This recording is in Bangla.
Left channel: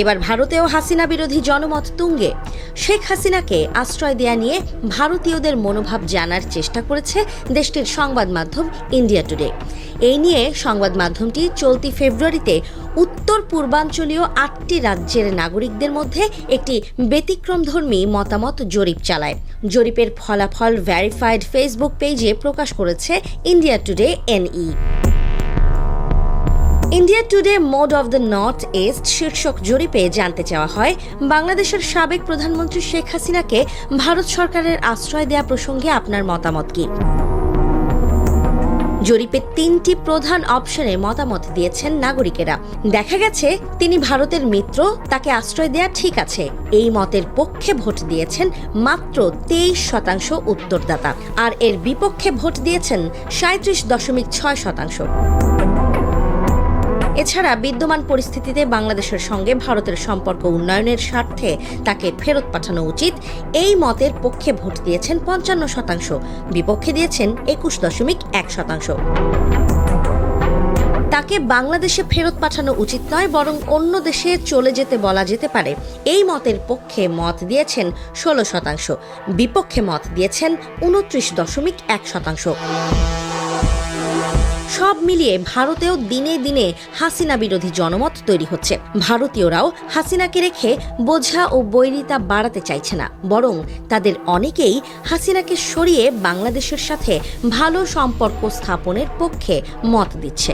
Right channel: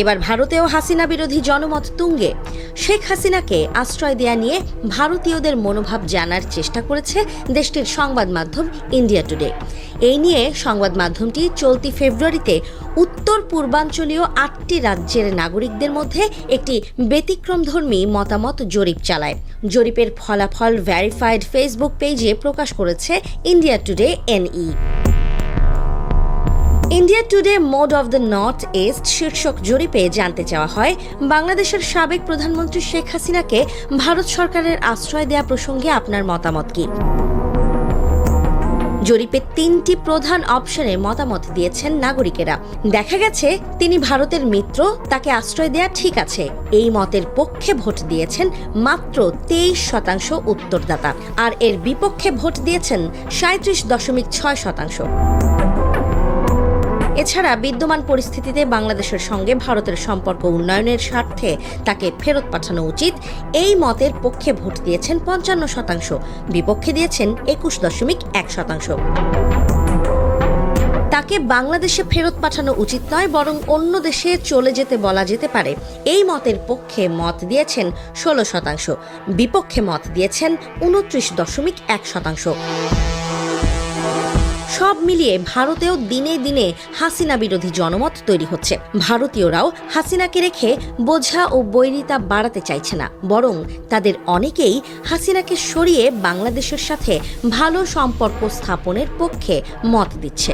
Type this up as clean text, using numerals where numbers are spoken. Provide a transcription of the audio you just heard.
এবার ভারতেও হাসিনা বিরোধী জনমত তুঙ্গে। শেখ হাসিনাকে আশ্রয় দেয়া নিয়ে ভারতীয়দের মনোভাব জানার চেষ্টা করেছে দেশটির সংবাদ মাধ্যম ইন্ডিয়া টুডে। এই নিয়ে সংবাদ মাধ্যমটি চলতি ফেব্রুয়ারিতে উত্তর পূর্বাঞ্চলীয় 8টি রাজ্যের নাগরিকদের মধ্যে একটি ব্যতিক্রমধর্মী মতামত জরিপ চালায়। জরিপের ফলাফল ভেরিফাইড ফেসবুক পেজে প্রকাশ করেছে India Today NE. India Today mood of the North East শীর্ষক জরিপে জানতে চাওয়া হয়, বাংলাদেশের সাবেক প্রধানমন্ত্রী শেখ হাসিনাকে ভারত সরকারের আশ্রয় দেয়া প্রসঙ্গে আপনার মতামত কি। জরিপে 3টি প্রধান অপশনে মতামত দিয়েছেন নাগরিকেরা। দেখা গেছে তিনি ভারতের মিত্র, তাকে আশ্রয় দেওয়া ঠিক আছে। এই মতের পক্ষে ভোট দিয়েছেন মাত্র 23% উত্তরদাতা, আর এর বিপক্ষে ভোট দিয়েছেন 37.6%। এছাড়া বিদ্যমান পরিস্থিতিতে বাংলাদেশের সঙ্গে ভারতের সম্পর্ক উন্নয়নের স্বার্থে তাকে ফেরত পাঠানো উচিত, এই মতের পক্ষে ভোট দিয়েছেন 55%, বিপক্ষে দিয়েছেন 21.1%। তাকে বাংলাদেশে ফেরত পাঠানো উচিত নয়, বরং অন্য দেশে চলে যেতে বলা যেতে পারে, এই মতের পক্ষে মত দিয়েছেন 16%, বিপক্ষে মত দিয়েছেন 29.1%। সব মিলিয়ে ভারতেও দিনে দিনে হাসিনা বিরোধী জনমত তৈরি হচ্ছে। ভারতীয়রাও হাসিনাকে রেখে বোঝা ও বৈরিতা বাড়াতে চাইছে না, বরং তাদের অনেকেই হাসিনাকে সরিয়ে বাংলাদেশের সাথে ভালো সম্পর্ক স্থাপনের পক্ষে মত দিচ্ছে।